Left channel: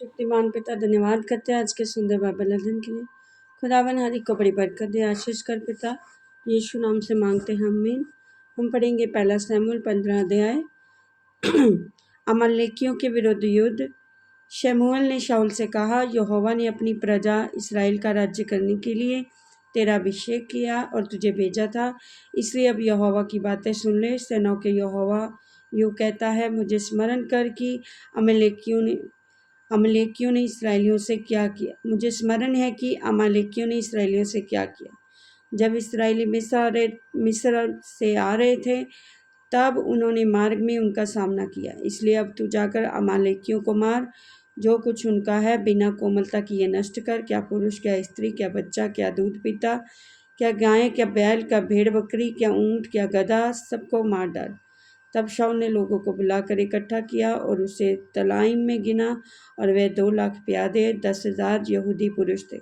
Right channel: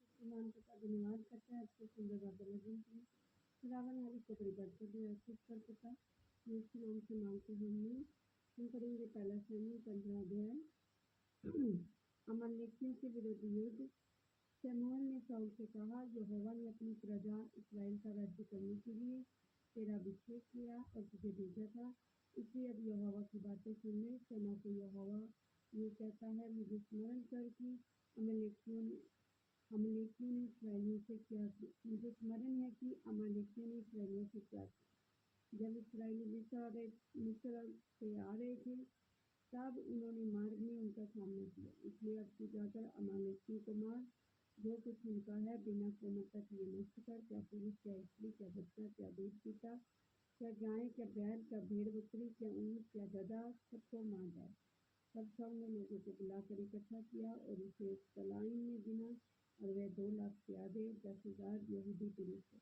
शक्तिमान पिता धन्यवाद करते हैं आज के सुंदर बाइबल अध्ययन के लिए। खुदावन हर एक को बड़ी बरकत दे, आशीष कर पिता यीशु नाम से मांगते हैं, आमीन। हम पढ़ेंगे पहला शमूएल 15 अध्याय। अमालेकियों के विरुद्ध युद्ध। शमूएल ने शाऊल से कहा, यहोवा ने अपनी प्रजा इसराइल का राज्य करने के लिए तेरा अभिषेक किया और तुझे भेजा था, इसलिए अब यहोवा की बातें सुन ले। सेनाओं के यहोवा यूँ कहता है, मुझे स्मरण कर कि अमालेकियों ने इसराइलियों से क्या किया। मुझे स्मरण है कि अमालेकियों ने इसराइलियों से क्या किया। जब इसराइली मिस्र से आ रहे थे तब उन्होंने मार्ग में उनका सामना किया, इसलिए अब तू जाकर अमालेकियों को मार, जो कुछ उनका है बिना कोमलता किए नष्ट कर। क्या पुरुष, क्या स्त्री, क्या बच्चा, क्या दूध पीता, क्या गाय, क्या बैल, क्या भेड़ बकरी, क्या ऊँट, क्या गधा, सबको मार डाल। तब शाऊल ने लोगों को बुलाकर इकट्ठा किया और उसे तलाइम में गिना, और वे 2 लाख प्यादे 10,000 यहूदी पुरुष थे।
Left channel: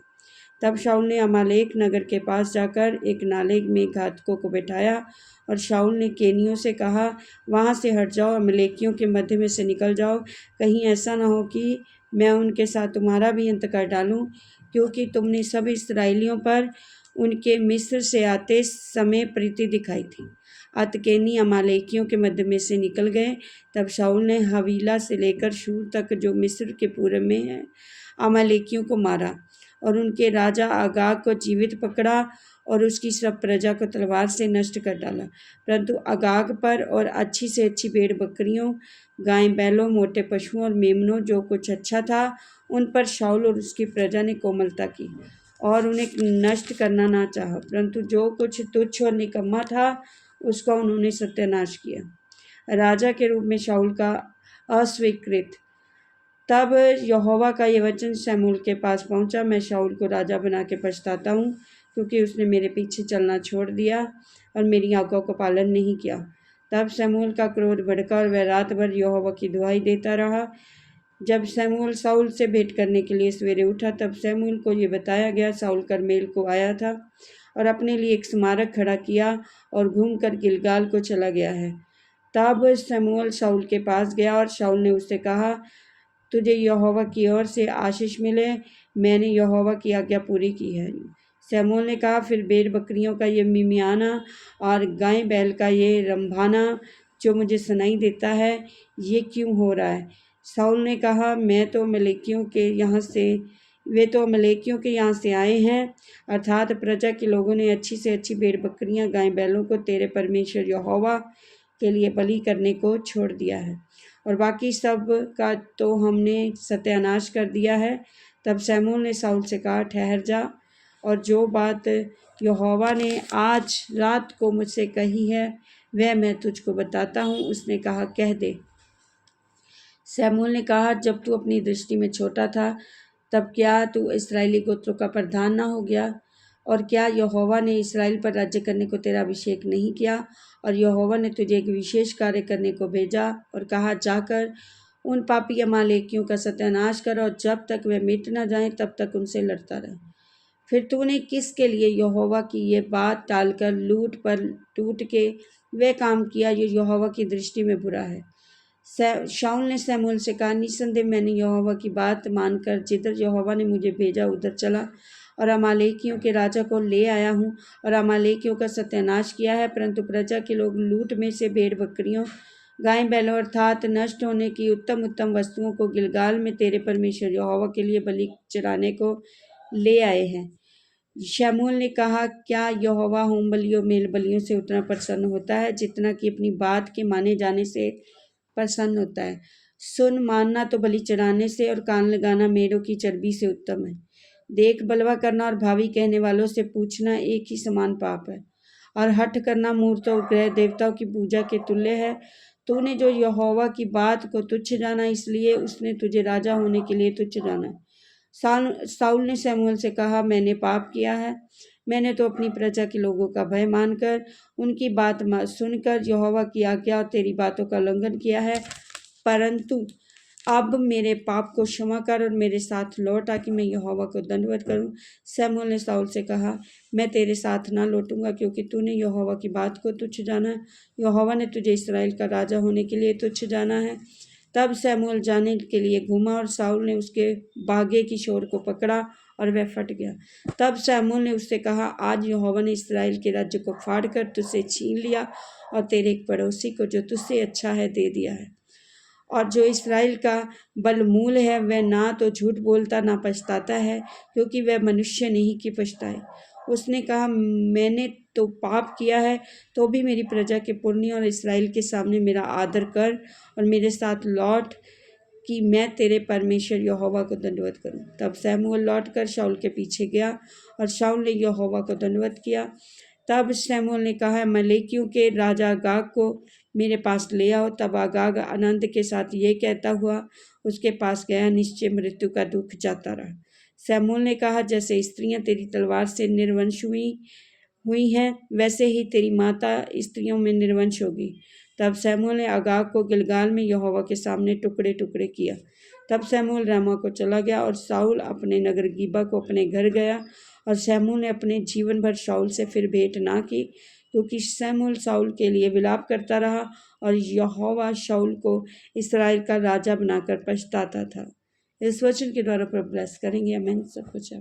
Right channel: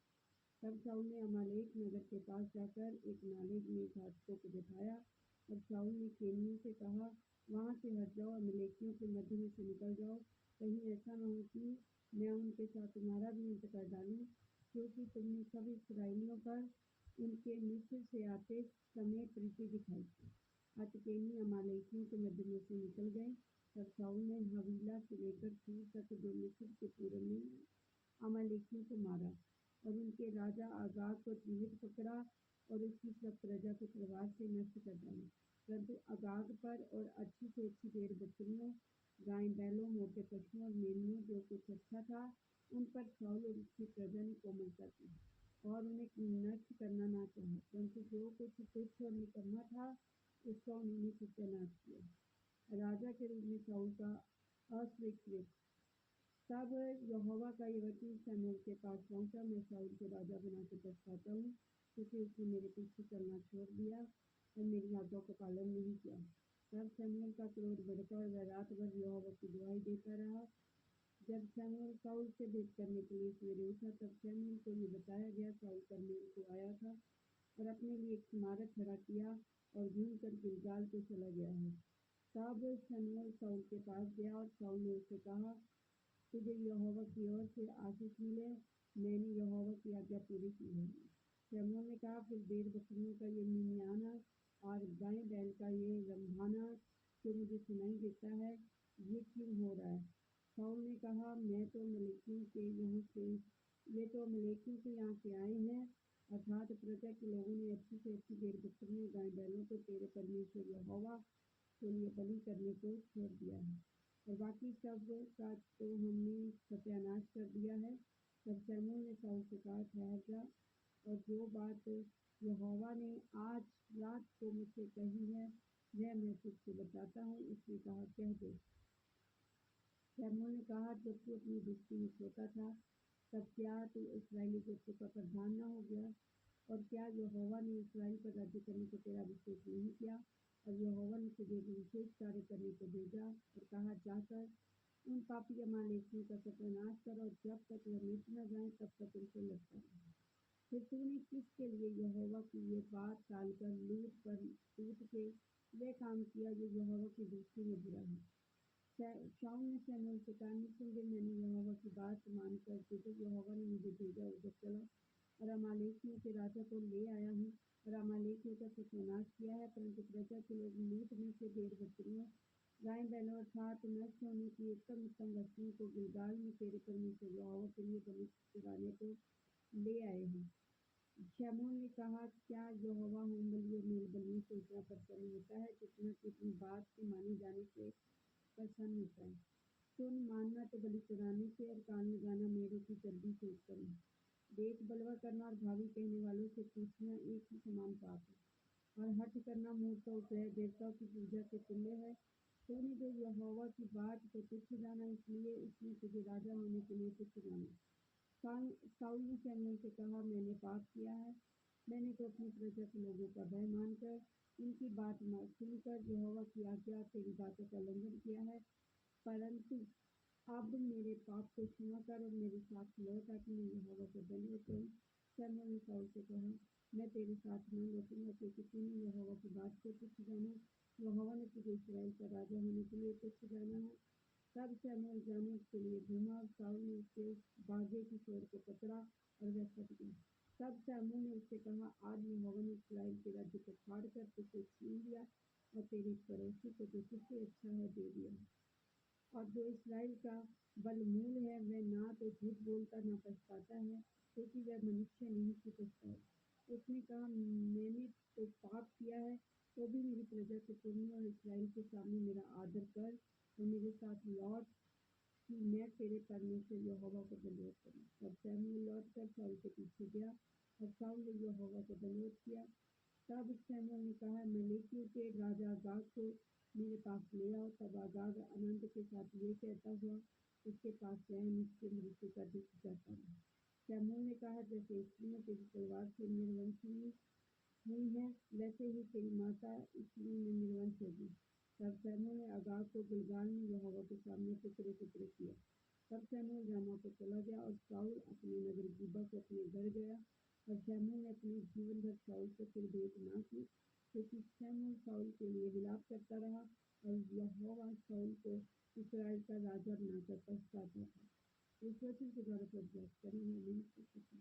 तब शाऊल ने अमालेक नगर के पास जाकर एक नाले में घातकों को बैठाया, और शाऊल ने केनियों से कहा, वहाँ से हट जाओ, अमालेकियों के मध्य में से निकल जाओ, कहीं ऐसा न हो कि मैं उनके साथ तुम्हारा भी अंत कर डालूं, क्योंकि तुमने सब इस्राएलियों पर उनके मिस्र से आते समय प्रीति दिखाई थी। अतकेनी अमालेकियों के मध्य में से निकल गए। तब शाऊल ने हवीला से लेकर शूर तक, जो मिस्र के पूर्व में है, अमालेकियों को मारा, और उनके राजा अगाग को जीवित पकड़ा और उसकी सब प्रजा को तलवार से नष्ट कर डाला। परंतु अगाग पर और अच्छी से अच्छी भेड़ बकरियों, गाय बैलों, मोटे पशुओं और मेमनों, जो कुछ अच्छा था, उन पर शाऊल और उसकी प्रजा ने कोमलता की और उन्हें नष्ट करना ना चाहा, परंतु जो कुछ तुच्छ और निकम्मा था उसका उन्होंने सत्यानाश किया। राजा के रूप में शाऊल का अस्वीकृत। तब यहोवा का ये वचन शमूएल के पास पहुंचा, मैं शाऊल को राजा बना के पछताता हूँ, क्योंकि उसने मेरे पीछे चलना छोड़ दिया और मेरी आज्ञा को पालन नहीं किया। तब शमूएल का क्रोध भड़का और वह रात भर यहोवा की दुहाई देता रहा। जब शमूएल शाऊल से भेंट करने के लिए सवेरे उठा, तब शमूएल को ये बताया गया, शाऊल कर्मेल को आया था और अपने लिए एक स्मारक खड़ा किया और घूमकर गिलगाल को चला गया है। तब शमूएल शाऊल के पास गया और शाऊल ने उससे कहा, तुझे यहोवा की ओर से आशीष मिले, मैंने यहोवा की आज्ञा पूरी की है। शमूएल ने कहा, फिर भेड़ बकरियों का ये मिमियाना और गाय बैल का ये रंभाना जो मुझे सुनाई देता है, ये क्यों हो रहा है? शाऊल ने कहा, वे तो अमालेकियों के यहाँ से आए हैं, अर्थात प्रजा के लोगों ने अच्छी से अच्छी भेड़ बकरियां, गाय बैलों को तेरे परमेश्वर यहोवा के लिए बलि करने को छोड़ दिया है, और बाकी सब का तो हमने सत्यानाश कर दिया है। तब शमूएल ने शाऊल से कहा, ठहर जा, और जो बात यहोवा ने आज रात को मुझसे कही है वह मैं तुझको बताता हूँ। उसने कहा, कह दे। शमूएल ने कहा, जब तू अपनी दृष्टि में छोटा था तब क्या तू इस्राएली गोत्रों का प्रधान ना हो गया? और क्या यहोवा ने इस्राएल पर राज्य करने को तेरा अभिषेक नहीं किया? और यहोवा ने तुझे एक विशेष कार्य करने को भेजा और कहा, जाकर उन पापी अमालेकियों का सत्यानाश कर, और जब तक वे मिट न जाएं तब तक उनसे लड़ता रहे। फिर तूने किसके लिए यहोवा की ये बात टालकर लूट पर टूट के वह काम किया जो यहोवा की दृष्टि में बुरा है? शाऊल ने शमूएल से कहा, निसंदेह मैंने यहोवा की बात मानकर जिधर यहोवा ने मुझे भेजा उधर चला और अमालेकियों के राजा को ले आया हूँ और अमालेकियों का सत्यानाश किया है। परंतु प्रजा के लोग लूट में से भेड़ बकरियों, गाय बैलों अर्थात नष्ट होने की उत्तम उत्तम वस्तुओं को गिलगाल में तेरे परमेश्वर यहोवा के लिए बलि चढ़ाने को ले आए हैं। शमूएल ने कहा, क्या यहोवा होम बलियों मेल बलियों से उतना प्रसन्न होता है जितना कि अपनी बात के माने जाने से प्रसन्न होता है? सुन, मानना तो बलि चढ़ाने से और कान लगाना मेढ़ों की चर्बी से उत्तम है। देख, बलवा करना और भावी कहने वालों से पूछना एक ही समान पाप है, और हठ करना मूर्तों और ग्रह देवताओं की पूजा के तुल्य है। तूने जो यहोवा की बात को तुच्छ जाना, इसलिए उसने तुझे राजा होने के लिए तुच्छ जाना। शाऊल ने शमूएल से कहा, मैंने पाप किया है। मैंने तो अपनी प्रजा के लोगों का भय मानकर उनकी बात सुनकर यहोवा की आज्ञा और तेरी बातों का उल्लंघन किया है। परंतु अब मेरे पाप को क्षमा कर और मेरे साथ लौट, ताकि मैं यहोवा को दंडवत करूं। शमूएल ने शाऊल से कहा, मैं तेरे साथ ना लौटूंगा, क्योंकि तूने यहोवा की बात को तुच्छ जाना है। यहोवा ने तुझे इस्राएल का राजा होने के लिए तुच्छ जाना है। तब शमूएल जाने के लिए घूमा और शाऊल ने उसके बागे की छोर को पकड़ा और वह फट गया। तब शमूएल ने उससे कहा, आज यहोवा ने इस्राएल के राज्य को फाड़ कर तुझसे छीन लिया और तेरे एक पड़ोसी को जो तुझसे अच्छा है दे दिया है। और जो इस्राएल का बलमूल है वह ना तो झूठ बोलता ना पछताता है, क्योंकि वह मनुष्य नहीं कि पछताए। उसने कहा, मैंने तो पाप किया है, तो भी मेरी प्रजा के पुरनियों और इस्राएल के सामने मेरा आदर कर और मेरे साथ लौट कि मैं तेरे परमेश्वर यहोवा को दंडवत करूं। तब शमूएल लौटकर शाऊल के पीछे गया और शाऊल ने यहोवा को दंडवत किया। तब शमूएल ने कहा, अमालेकियों के राजा अगाग को मेरे पास ले आओ। तब अगाग आनंद के साथ ये कहता हुआ उसके पास गया, निश्चय मृत्यु का दुख जाता रहा। शमूएल ने कहा, जैसे स्त्रियां तेरी तलवार से निर्वंश हुई हैं, वैसे ही तेरी माता स्त्रियों में निर्वंश होगी। तब शमूएल ने अगाग को गिलगाल में यहोवा के सामने टुकड़े टुकड़े किया। तब शमूएल रामा को चला गया और शाऊल अपने नगर गिबा को अपने घर गया। और शमूएल ने अपने जीवन भर शाऊल से फिर भेंट ना की, क्योंकि शमूएल शाऊल के लिए विलाप करता रहा और यहोवा शाऊल को इस्राएल का राजा बनाकर पछताता था। इस वचन के द्वारा पर ब्लेस करेंगे। आमीन। सब कुछ